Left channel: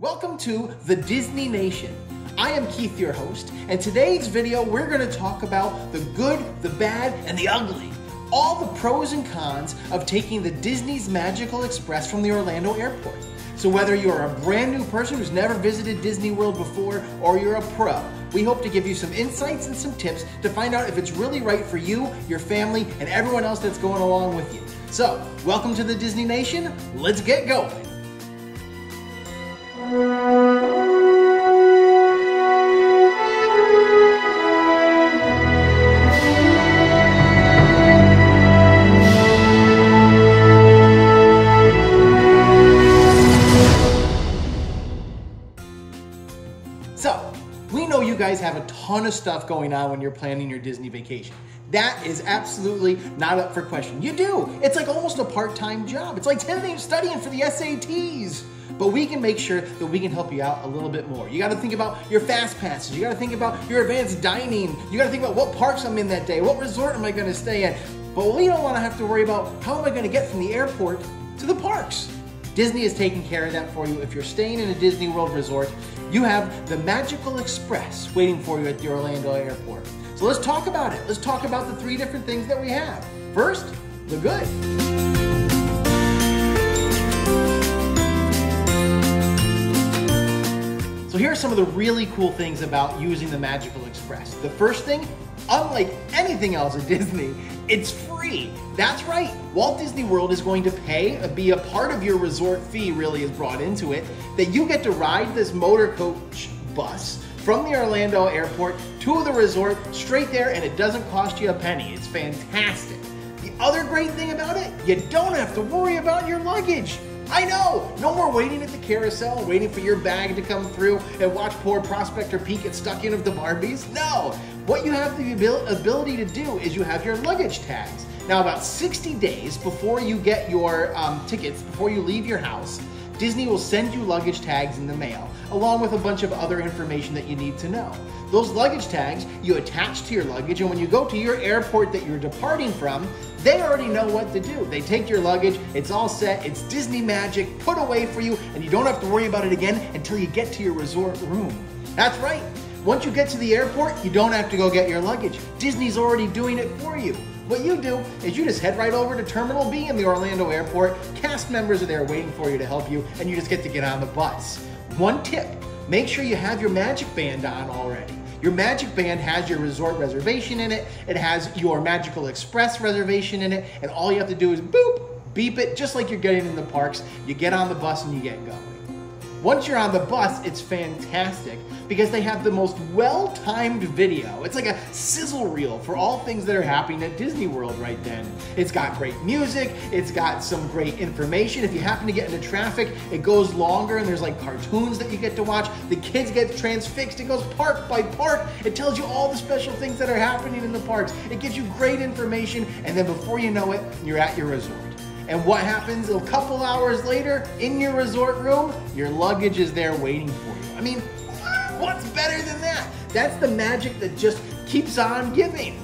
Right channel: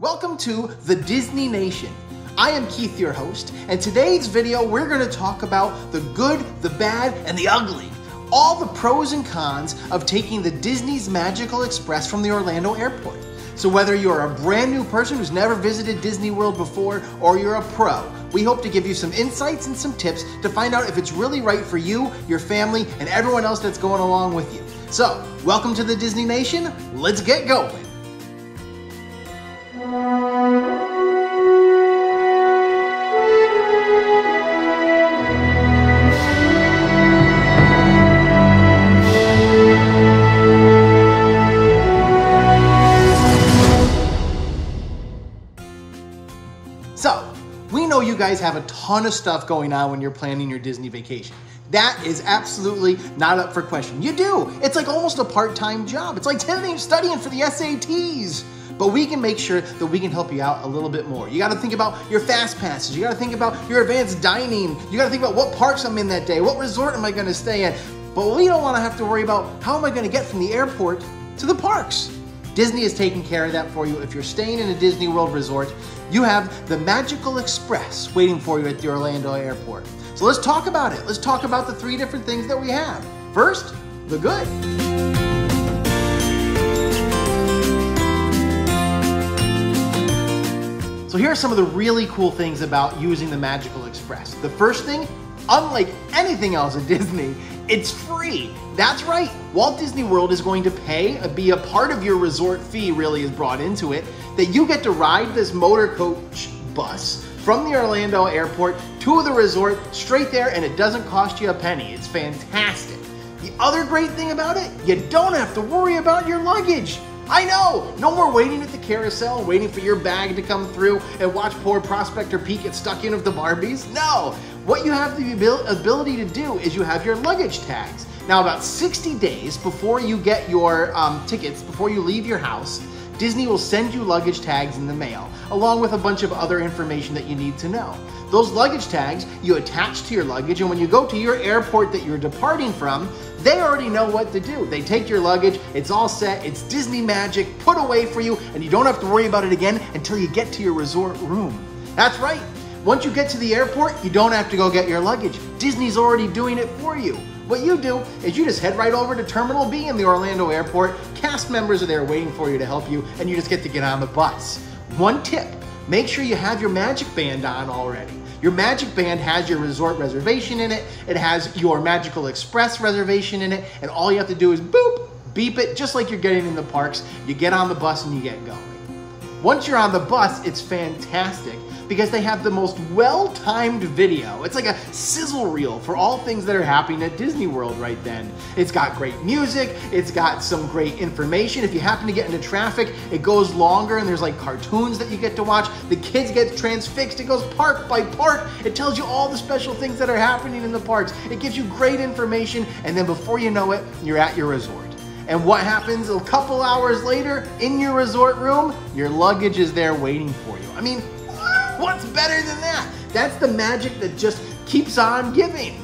Welcome to the Disney Nation. I am Keith, your host, and today's video we're going to talk about the good, the bad, and the ugly. All the pros and cons of taking the Disney's Magical Express from the Orlando airport. So whether you're a brand new person who's never visited Disney World before, or you're a pro, we hope to give you some insights and some tips to find out if it's really right for you, your family, and everyone else that's going along with you. So, welcome to the Disney Nation. Let's get going. So, we know you guys have a ton of stuff going on when you're planning your Disney vacation. That is absolutely not up for question. You do. It's like almost a part-time job. It's like studying for the SATs. But we can make sure that we can help you out a little bit more. You got to think about your fast passes. You got to think about your advanced dining. You got to think about what parks I'm in that day. What resort am I going to stay at? But we don't want to have to worry about how am I going to get from the airport to the parks. Disney is taking care of that for you. If you're staying in a Disney World resort, you have the Magical Express waiting for you at the Orlando airport. So let's talk about it. Let's talk about the three different things that we have. First, the good. So here are some of the really cool things about using the Magical Express. The first thing, unlike anything else at Disney, it's free. That's right. Walt Disney World is going to be a part of your resort fee really is brought into it, that you get to ride this motor coach bus from the Orlando airport to the resort straight there, and it doesn't cost you a penny. It's fantastic. The other great thing about it, you don't have to worry about your luggage. I know, no more waiting at the carousel, waiting for your bag to come through and watch poor Prospector Pete get stuck in with the Barbies. No, what you have the ability to do is you have your luggage tags. Now, about 60 days before you get your tickets, before you leave your house, Disney will send you luggage tags in the mail, along with a bunch of other information that you need to know. Those luggage tags you attach to your luggage, and when you go to your airport that you're departing from, they already know what to do. They take your luggage, it's all set, it's Disney magic, put away for you, and you don't have to worry about it again until you get to your resort room. That's right. Once you get to the airport, you don't have to go get your luggage. Disney's already doing it for you. What you do is you just head right over to Terminal B in the Orlando airport. Cast members are there waiting for you to help you, and you just get to get on the bus. One tip, make sure you have your Magic Band on already. Your Magic Band has your resort reservation in it, it has your Magical Express reservation in it, and all you have to do is boop, beep it, just like you're getting in the parks. You get on the bus and you get going. Once you're on the bus, it's fantastic because they have the most well-timed video. It's like a sizzle reel for all things that are happening at Disney World right then. It's got great music, it's got some great information. If you happen to get into traffic, it goes longer and there's like cartoons that you get to watch. The kids get transfixed, it goes park by park. It tells you all the special things that are happening in the parks. It gives you great information, and then before you know it, you're at your resort. And what happens a couple hours later in your resort room? Your luggage is there waiting for you. I mean, what's better than that? That's the magic that just keeps on giving.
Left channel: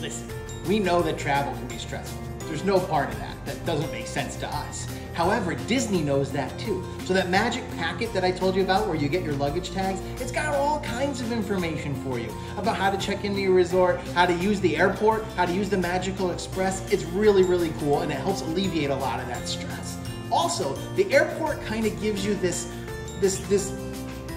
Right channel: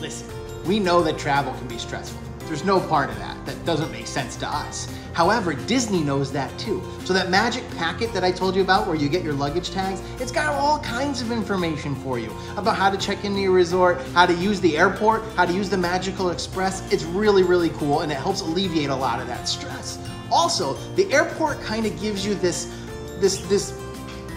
Listen, we know that travel can be stressful. There's no part of that that doesn't make sense to us. However, Disney knows that too. So that magic packet that I told you about where you get your luggage tags, it's got all kinds of information for you about how to check into your resort, how to use the airport, how to use the Magical Express. It's really, really cool, and it helps alleviate a lot of that stress. Also, the airport kind of gives you this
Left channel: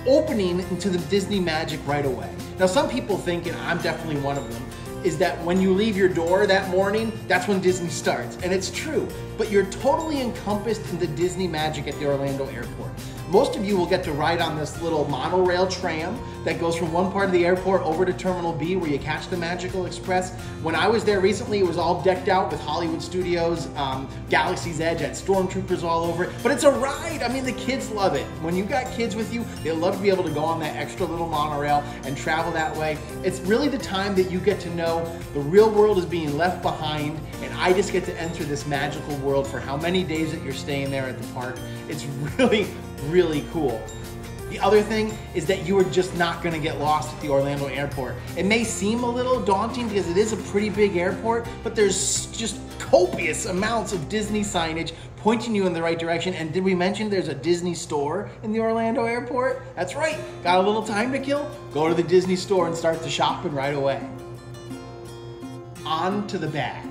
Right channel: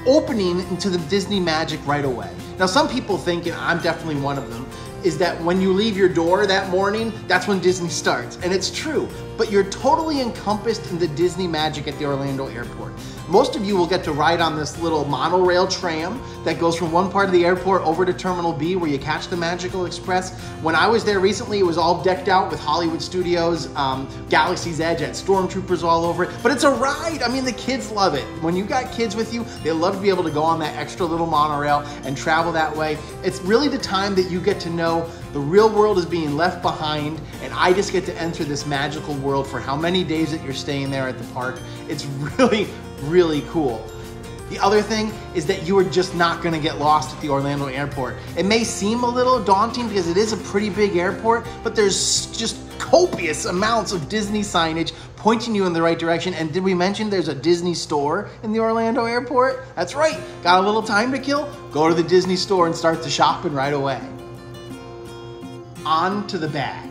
opening into the Disney magic right away. Now, some people think, and I'm definitely one of them, is that when you leave your door that morning, that's when Disney starts. And it's true, but you're totally encompassed in the Disney magic at the Orlando airport. Most of you will get to ride on this little monorail tram that goes from one part of the airport over to Terminal B where you catch the Magical Express. When I was there recently, it was all decked out with Hollywood Studios, Galaxy's Edge, had stormtroopers all over it. But it's a ride. I mean, the kids love it. When you got kids with you, they love to be able to go on that extra little monorail and travel that way. It's really the time that you get to know the real world is being left behind, and I just get to enter this magical world for how many days that you're staying there at the park. It's really, really cool. The other thing is that you are just not going to get lost at the Orlando airport. It may seem a little daunting because it is a pretty big airport, but there's just copious amounts of Disney signage pointing you in the right direction. And did we mention there's a Disney store in the Orlando airport? That's right. Got a little time to kill? Go to the Disney store and start the shopping right away. On to the bag.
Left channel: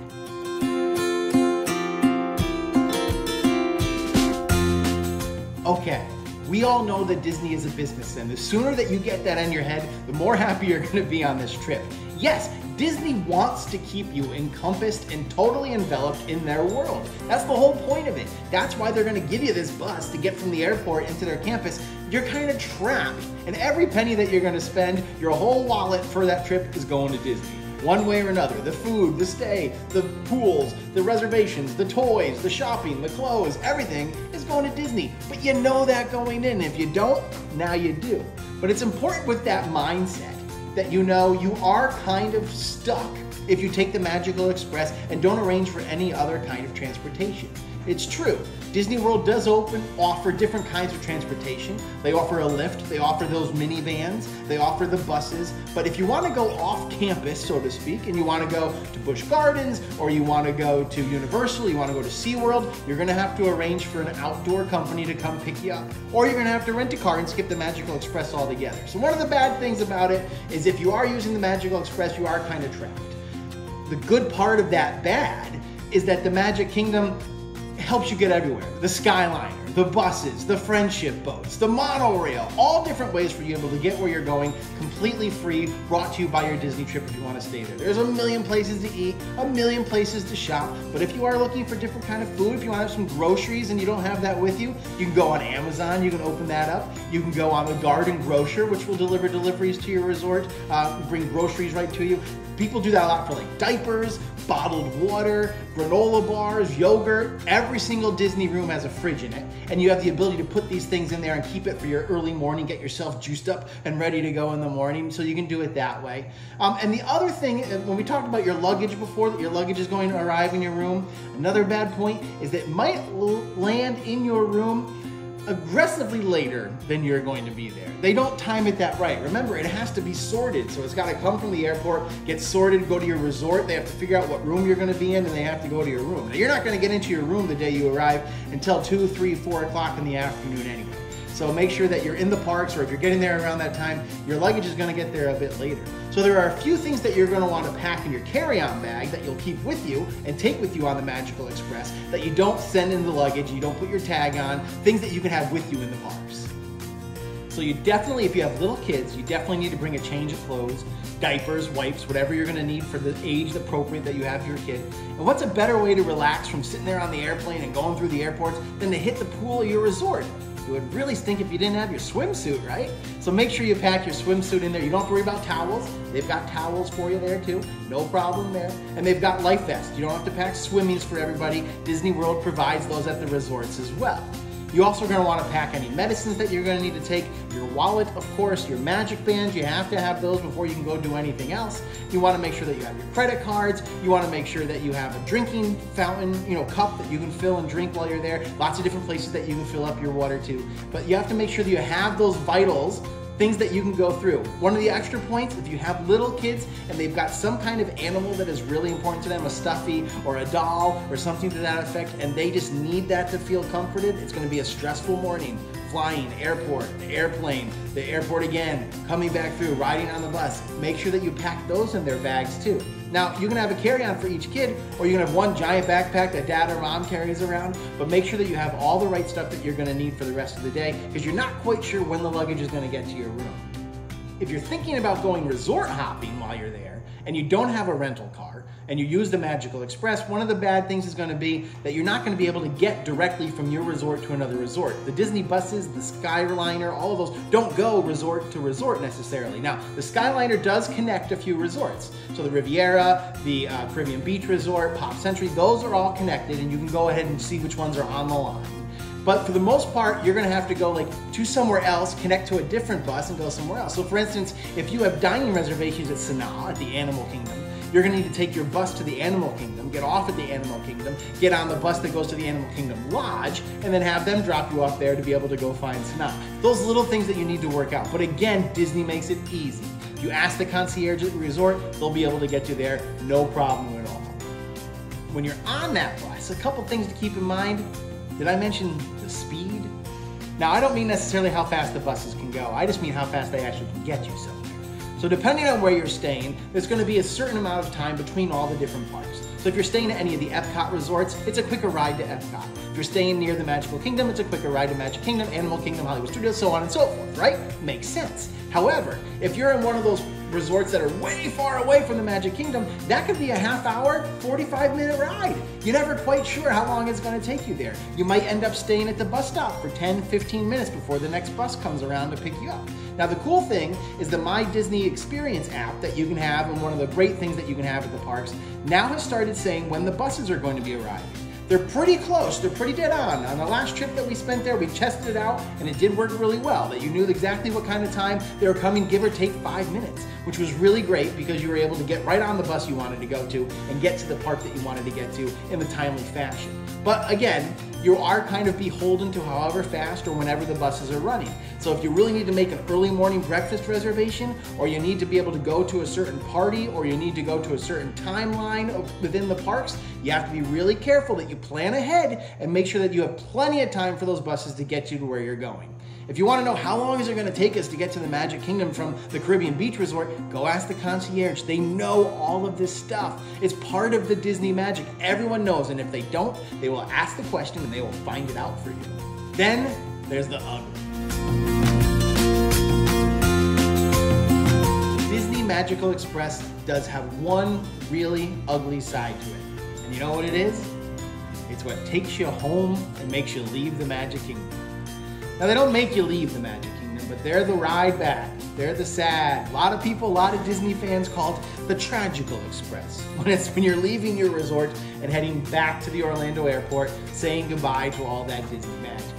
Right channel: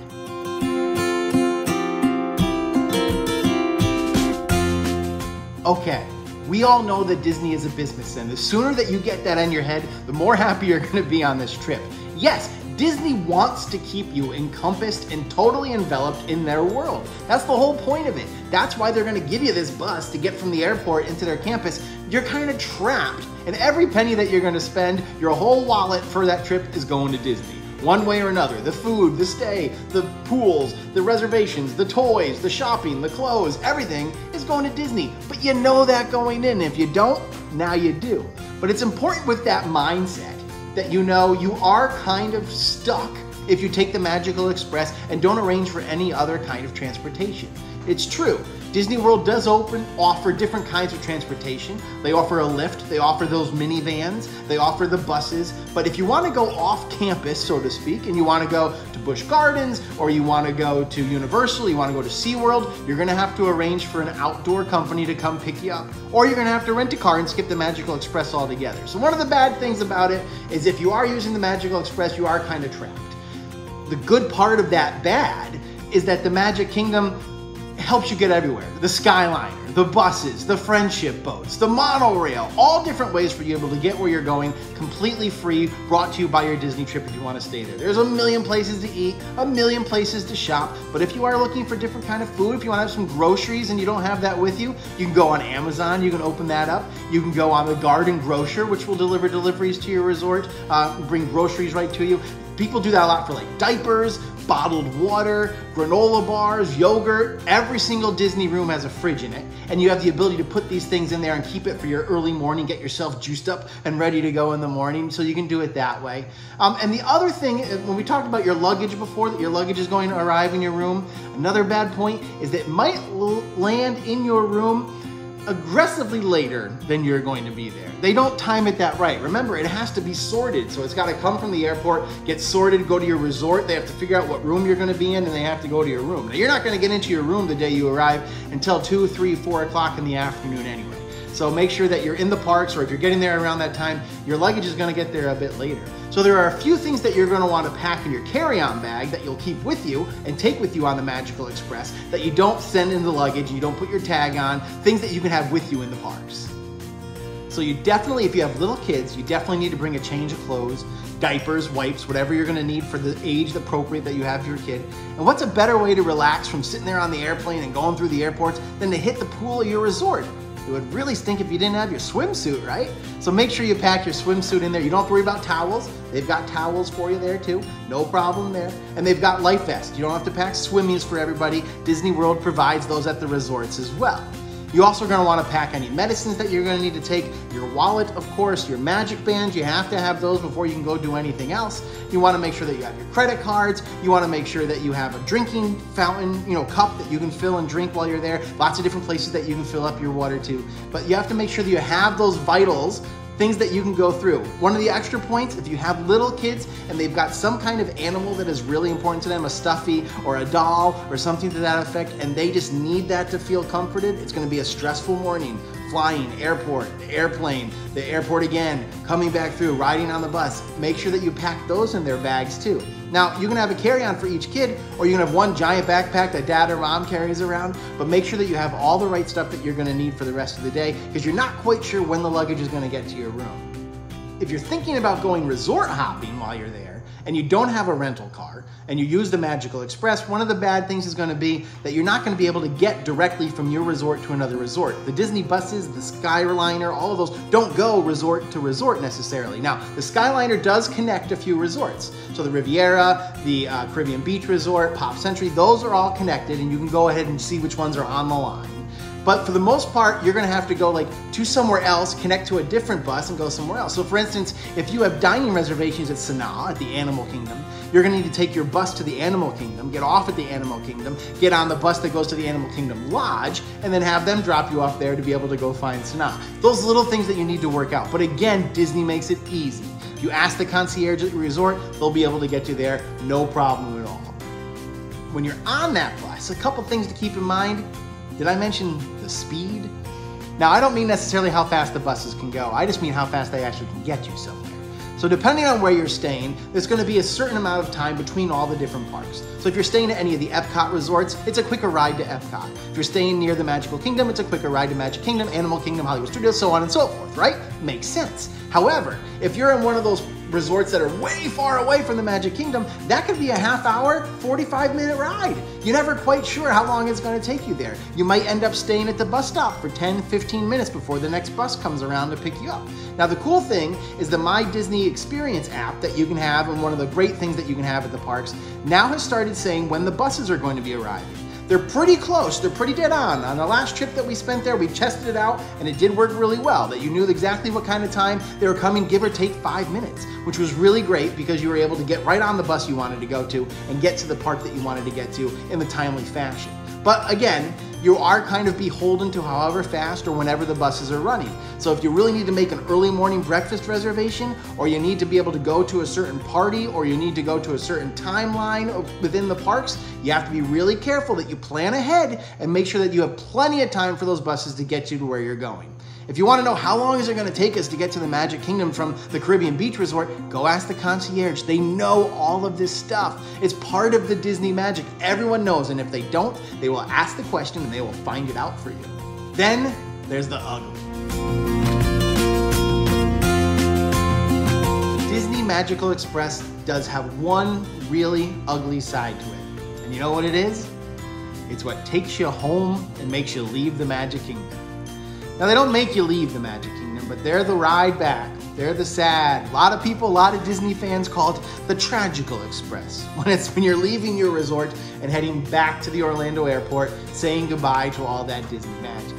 Okay, we all know that Disney is a business, and the sooner that you get that in your head, the more happy you're gonna be on this trip. Yes, Disney wants to keep you encompassed and totally enveloped in their world. That's the whole point of it. That's why they're gonna give you this bus to get from the airport into their campus. You're kind of trapped, and every penny that you're gonna spend, your whole wallet for that trip is going to Disney. One way or another, the food, the stay, the pools, the reservations, the toys, the shopping, the clothes, everything is going to Disney. But you know that going in. If you don't, now you do. But it's important with that mindset that you know you are kind of stuck if you take the Magical Express and don't arrange for any other kind of transportation. It's true. Disney World does offer different kinds of transportation. They offer a lift, they offer those minivans, they offer the buses. But if you want to go off campus, so to speak, and you want to go to Busch Gardens, or you want to go to Universal, you want to go to SeaWorld, you're going to have to arrange for an outdoor company to come pick you up. Or you're going to have to rent a car and skip the Magical Express altogether. So one of the bad things about it is if you are using the Magical Express, you are kind of trapped. The good part of that bad is that the Magic Kingdom helps you get everywhere. The Skyliner, the buses, the friendship boats, the monorail, all different ways for you able to get where you're going completely free, brought to you by your Disney trip if you want to stay there. There's a million places to eat, a million places to shop, but if you are looking for different kind of food, if you want to have some groceries and you don't have that with you, you can go on Amazon, you can open that up. You can go on the Garden Grocer, which will deliver deliveries to your resort, bring groceries right to you. People do that a lot for like diapers, bottled water, granola bars, yogurt. Every single Disney room has a fridge in it, and you have the ability to put these things in there and keep it for your early morning, get yourself juiced up and ready to go in the morning, so you can do it that way. And the other thing, when we talked about your luggage before, that your luggage is going to arrive in your room, another bad point is that it might land in your room aggressively later than you're going to be there. They don't time it that right. Remember, it has to be sorted. So it's got to come from the airport, get sorted, go to your resort. They have to figure out what room you're going to be in, and they have to go to your room. Now, you're not going to get into your room the day you arrive until 2, 3, 4 o'clock in the afternoon anyway. So make sure that you're in the parks, or if you're getting there around that time, your luggage is going to get there a bit later. So there are a few things that you're going to want to pack in your carry-on bag that you'll keep with you and take with you on the Magical Express that you don't send in the luggage, you don't put your tag on, things that you can have with you in the parks. So you definitely, if you have little kids, you definitely need to bring a change of clothes, diapers, wipes, whatever you're going to need for the age appropriate that you have for your kid. And what's a better way to relax from sitting there on the airplane and going through the airports than to hit the pool of your resort? It would really stink if you didn't have your swimsuit, right? So make sure you pack your swimsuit in there. You don't have to worry about towels. They've got towels for you there too. No problem there. And they've got life vests. You don't have to pack swimmies for everybody. Disney World provides those at the resorts as well. You also are going to want to pack any medicines that you're going to need to take, your wallet, of course, your magic bands. You have to have those before you can go do anything else. You want to make sure that you have your credit cards. You want to make sure that you have a drinking fountain, cup that you can fill and drink while you're there. Lots of different places that you can fill up your water to. But you have to make sure that you have those vitals, things that you can go through. One of the extra points, if you have little kids and they've got some kind of animal that is really important to them, a stuffy or a doll or something to that effect, and they just need that to feel comforted, it's gonna be a stressful morning. Flying, airport, airplane, the airport again, coming back through, riding on the bus. Make sure that you pack those in their bags too. Now, you can have a carry-on for each kid, or you can have one giant backpack that dad or mom carries around, but make sure that you have all the right stuff that you're gonna need for the rest of the day, because you're not quite sure when the luggage is gonna get to your room. If you're thinking about going resort hopping while you're there, and you don't have a rental car, and you use the Magical Express, one of the bad things is going to be that you're not going to be able to get directly from your resort to another resort. The Disney buses, the Skyliner, all of those don't go resort to resort necessarily. Now, the Skyliner does connect a few resorts. So the Riviera, the Caribbean Beach Resort, Pop Century, those are all connected, and you can go ahead and see which ones are on the line. But for the most part, you're gonna have to go to somewhere else, connect to a different bus and go somewhere else. So for instance, if you have dining reservations at Sanaa, at the Animal Kingdom, you're gonna need to take your bus to the Animal Kingdom, get off at the Animal Kingdom, get on the bus that goes to the Animal Kingdom Lodge, and then have them drop you off there to be able to go find Sanaa. Those little things that you need to work out. But again, Disney makes it easy. If you ask the concierge at the resort, they'll be able to get you there, no problem at all. When you're on that bus, a couple things to keep in mind. Did I mention the speed? Now, I don't mean necessarily how fast the buses can go. I just mean how fast they actually can get you somewhere. So depending on where you're staying, there's going to be a certain amount of time between all the different parks. So if you're staying at any of the Epcot resorts, it's a quicker ride to Epcot. If you're staying near the Magical Kingdom, it's a quicker ride to Magic Kingdom, Animal Kingdom, Hollywood Studios, so on and so forth, right? Makes sense. However, if you're in one of those resorts that are way far away from the Magic Kingdom, that could be a half-hour, 45-minute ride. You're never quite sure how long it's going to take you there. You might end up staying at the bus stop for 10, 15 minutes before the next bus comes around to pick you up. Now, the cool thing is the My Disney Experience app that you can have, and one of the great things that you can have at the parks, now has started saying when the buses are going to be arriving. They're pretty close, they're pretty dead on. On the last trip that we spent there, we tested it out and it did work really well, that you knew exactly what kind of time they were coming, give or take 5 minutes, which was really great because you were able to get right on the bus you wanted to go to and get to the park that you wanted to get to in the timely fashion. But again, you are kind of beholden to however fast or whenever the buses are running. So if you really need to make an early morning breakfast reservation, or you need to be able to go to a certain party, or you need to go to a certain timeline within the parks, you have to be really careful that you plan ahead and make sure that you have plenty of time for those buses to get you to where you're going. If you want to know how long is it going to take us to get to the Magic Kingdom from the Caribbean Beach Resort, go ask the concierge. They know all of this stuff. It's part of the Disney magic. Everyone knows, and if they don't, they will ask the question and they will find it out for you. Then there's the ugly. Disney Magical Express does have one really ugly side to it. And you know what it is? It's what takes you home and makes you leave the Magic Kingdom. Now, they don't make you leave the Magic Kingdom, but they're the ride back. They're the sad. A lot of people, a lot of Disney fans call it the Tragical Express. When you're leaving your resort and heading back to the Orlando airport, saying goodbye to all that Disney magic.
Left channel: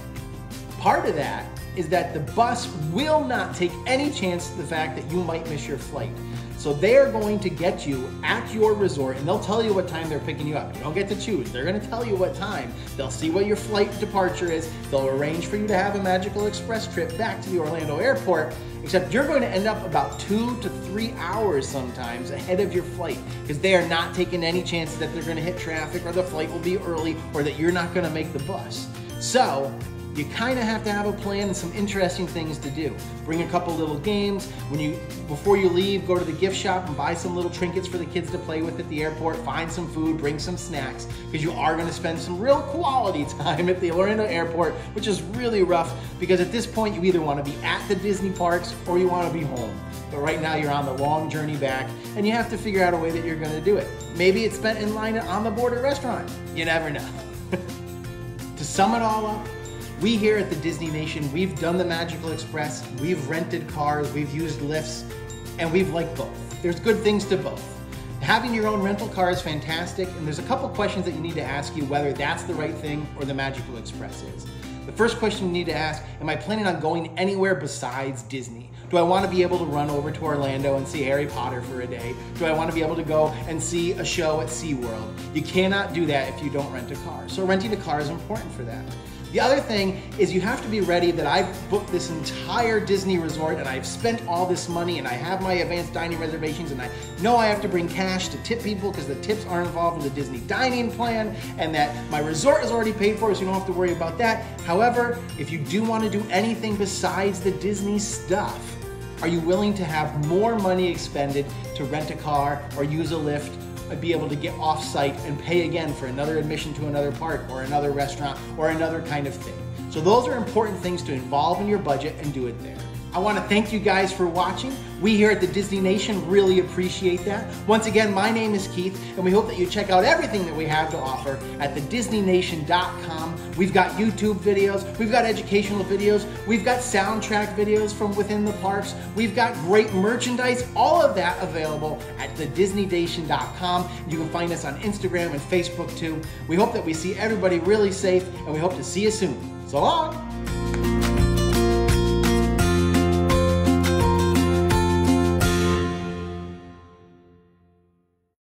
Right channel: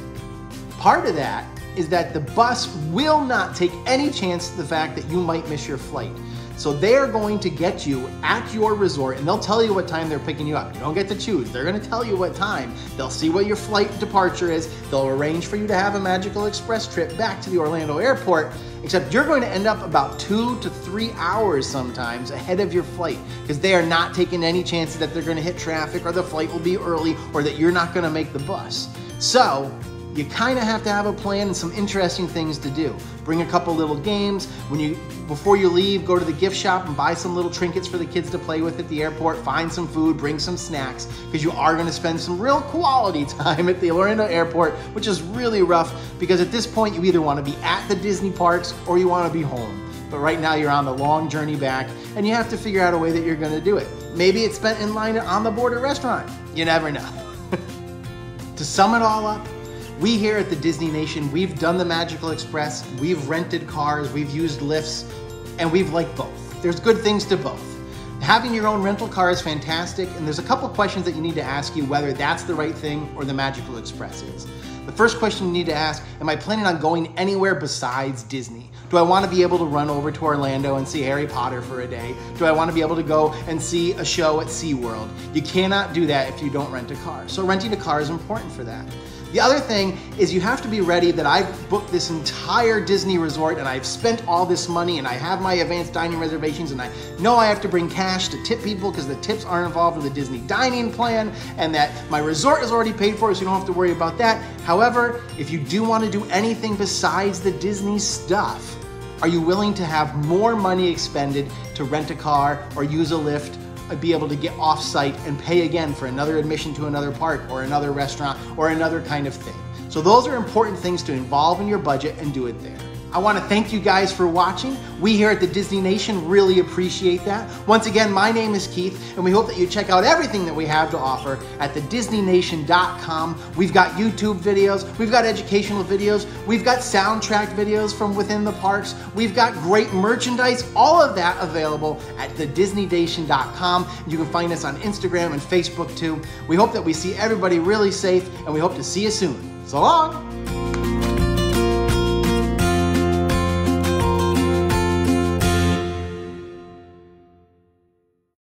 Part of that is that the bus will not take any chance of the fact that you might miss your flight. So they're going to get you at your resort and they'll tell you what time they're picking you up. You don't get to choose. They're going to tell you what time. They'll see what your flight departure is. They'll arrange for you to have a Magical Express trip back to the Orlando airport, except you're going to end up about 2 to 3 hours sometimes ahead of your flight because they are not taking any chances that they're going to hit traffic or the flight will be early or that you're not going to make the bus. So you kind of have to have a plan and some interesting things to do. Bring a couple little games. Before you leave, go to the gift shop and buy some little trinkets for the kids to play with at the airport. Find some food, bring some snacks, because you are going to spend some real quality time at the Orlando airport, which is really rough because at this point you either want to be at the Disney parks or you want to be home. But right now you're on the long journey back and you have to figure out a way that you're going to do it. Maybe it's spent in line at On the Border restaurant. You never know. To sum it all up, we here at the Disney Nation, we've done the Magical Express, we've rented cars, we've used lifts, and we've liked both. There's good things to both. Having your own rental car is fantastic, and there's a couple questions that you need to ask you whether that's the right thing or the Magical Express is. The first question you need to ask, am I planning on going anywhere besides Disney? Do I want to be able to run over to Orlando and see Harry Potter for a day? Do I want to be able to go and see a show at SeaWorld? You cannot do that if you don't rent a car. So renting a car is important for that. The other thing is you have to be ready that I've booked this entire Disney resort and I've spent all this money and I have my advanced dining reservations and I know I have to bring cash to tip people because the tips aren't involved with the Disney dining plan and that my resort is already paid for so you don't have to worry about that. However, if you do want to do anything besides the Disney stuff, are you willing to have more money expended to rent a car or use a Lyft, be able to get off-site and pay again for another admission to another park or another restaurant or another kind of thing? So those are important things to involve in your budget and do it there. I want to thank you guys for watching. We here at the Disney Nation really appreciate that. Once again, my name is Keith, and we hope that you check out everything that we have to offer at thedisneynation.com. We've got YouTube videos, we've got educational videos, we've got soundtrack videos from within the parks, we've got great merchandise, all of that available at thedisneynation.com. You can find us on Instagram and Facebook too. We hope that we see everybody really safe, and we hope to see you soon. So long!